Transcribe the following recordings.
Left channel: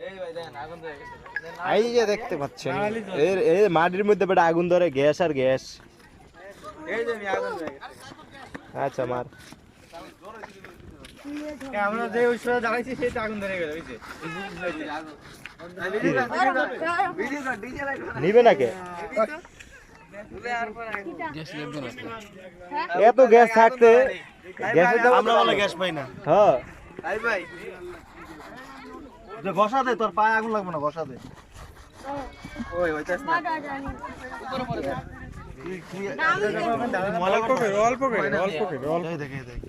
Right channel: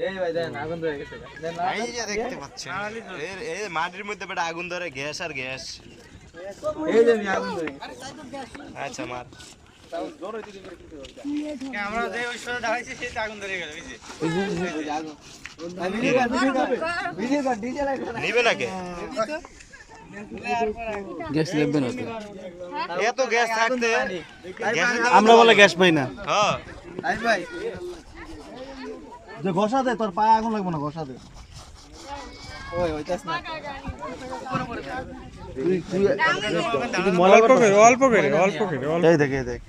এই ভাই দেন আগুন ধরে গেছে দেন না। এই যে দেখতে পাচ্ছেন এর এই মাটির মধ্যে বেটা আগুন ধরে গ্যাস আর গ্যাস এই যে নি আগুন ধরে গেছে আচ্ছা মার আমরা যে ওই সময় দাঁড়াইছি সেই আগুন ধরে গেল বুঝছি আগুন ভিডিও কর ভিডিও কর ভিডিও কর ডিজে লাইট নিবে নাকি গ্যাস লাগবে না তো। এত গ্যাস থাকতে গ্যাসের দাম আমরা বলে গ্যাস পাই না হ্যাঁ আই ভাই যে ঘষা দে তোর পায়ে আগুন লাগবে না ঘষা দে। ওই অল্প করে অল্প করে অল্প করে দেখ দেখ.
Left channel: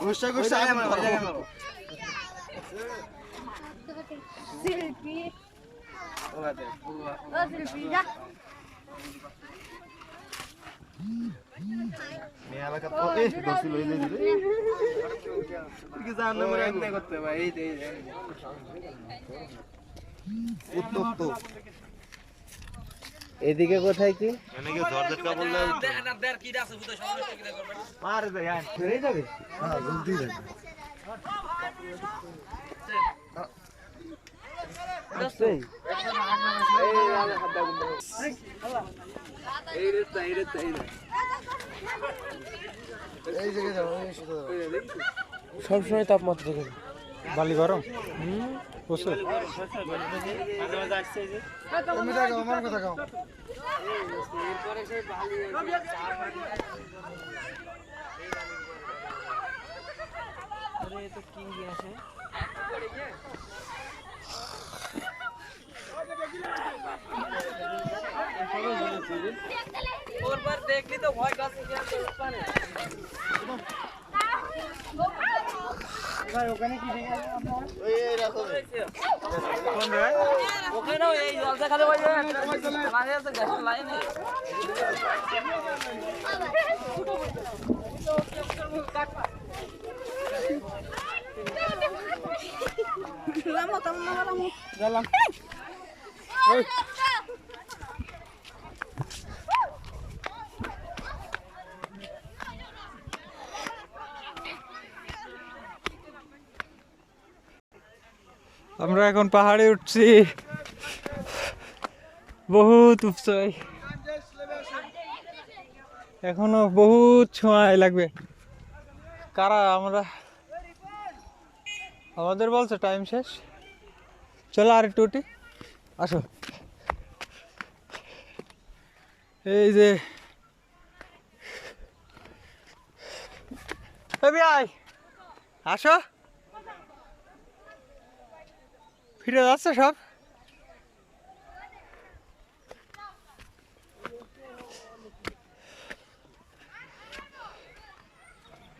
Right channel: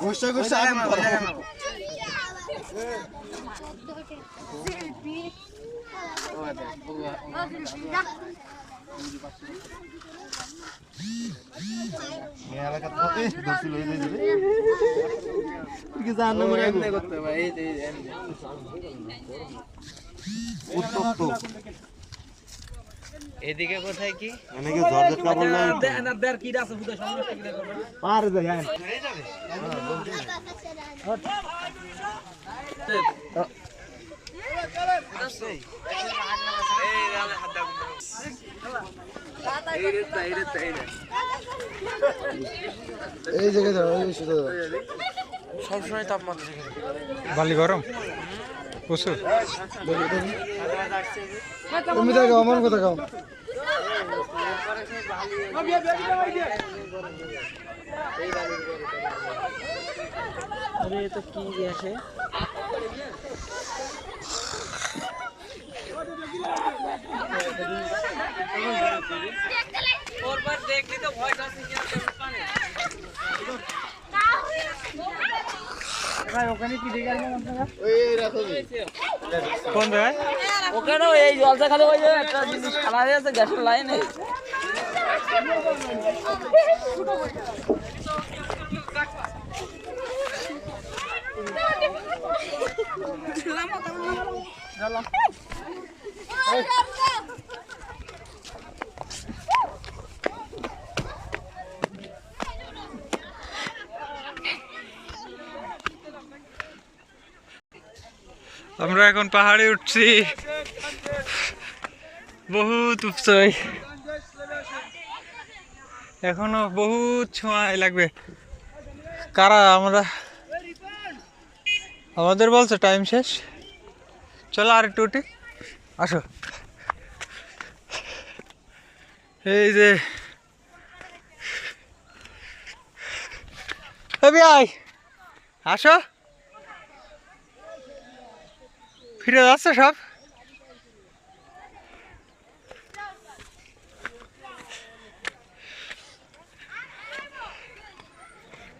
ঘষা ঘষা আগুন জায়গায় ধরে। মারো, Silpi. ওই দেখ বুয়া Ô, Silpi, já. মেয়ে এলাকা তো এই ধরছিল এই যে এই যে। কি জানো ও মরে আগুন। এমনি করতে ভাই এই যে এই যে, এমনি উত্তপ্ত এদিকে কোথায় কি এনেকে জর্জেট কাপড় না পারে যাই আয় এই রে তা, এই রে তা, এই রে এই জায়গায় দাও এই শুধু সবসময় তাপমাত্রা থেকে বালি গরম? প্রচুর। তুমি দেখো আমার কথা কাও। আরে তো কি গ্যাসে কোন জায়গায়? ওখানেও এই জলসা খালে ওই একটা জিনিস খালা হয়ে আছে গ্যাসের লাইনে আমরা এখন পাহাড়ে উঠছি। বহুত উপচয়। এখনও বহুত সময় লাগবে। কারা আমরা? আমাদের বলছে টাইম শেষ। চলো আর একটু উঠি। আসো। এই যে। আয় আসো। ফিরে যাচ্ছে সব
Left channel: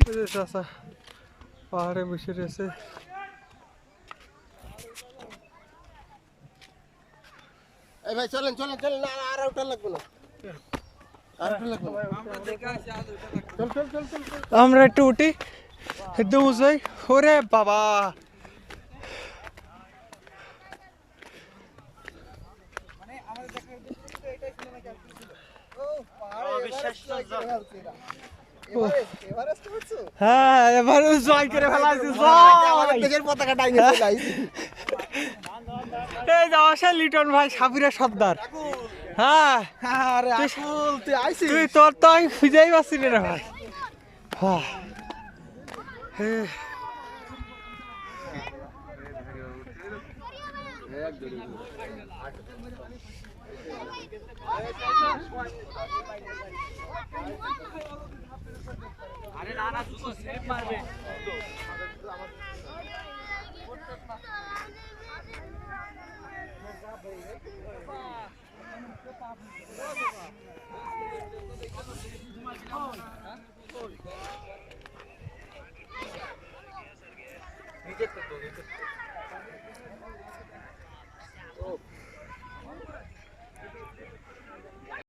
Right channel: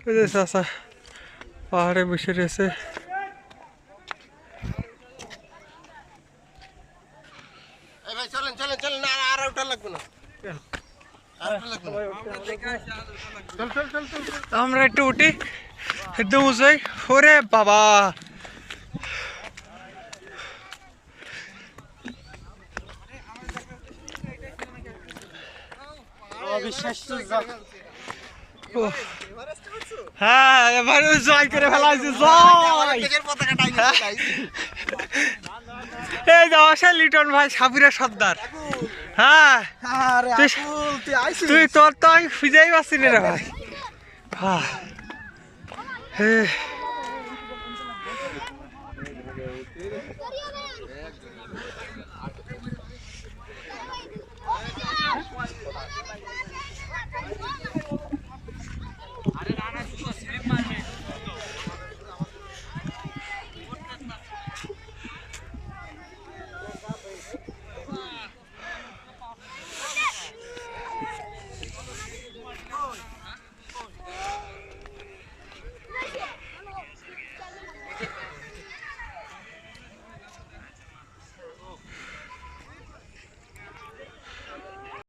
এই যে চাচা পাহাড়ে বসে রয়েছে এই ভাই চলেন চলেন চলেন না আর ওটা লাগবে না আমরা একটু উঠি একদম উঁচাই ওরে বাবা হ্যাঁ এবার জয় করে পতাকা এই লিটন ভাই সাবিরা সর্দার। হ্যাঁ। আরে তুই- আকুল তুই তুই তোর তো আমি খুঁজেই পাচ্ছি না রে ভাই। হ্যাঁ। get the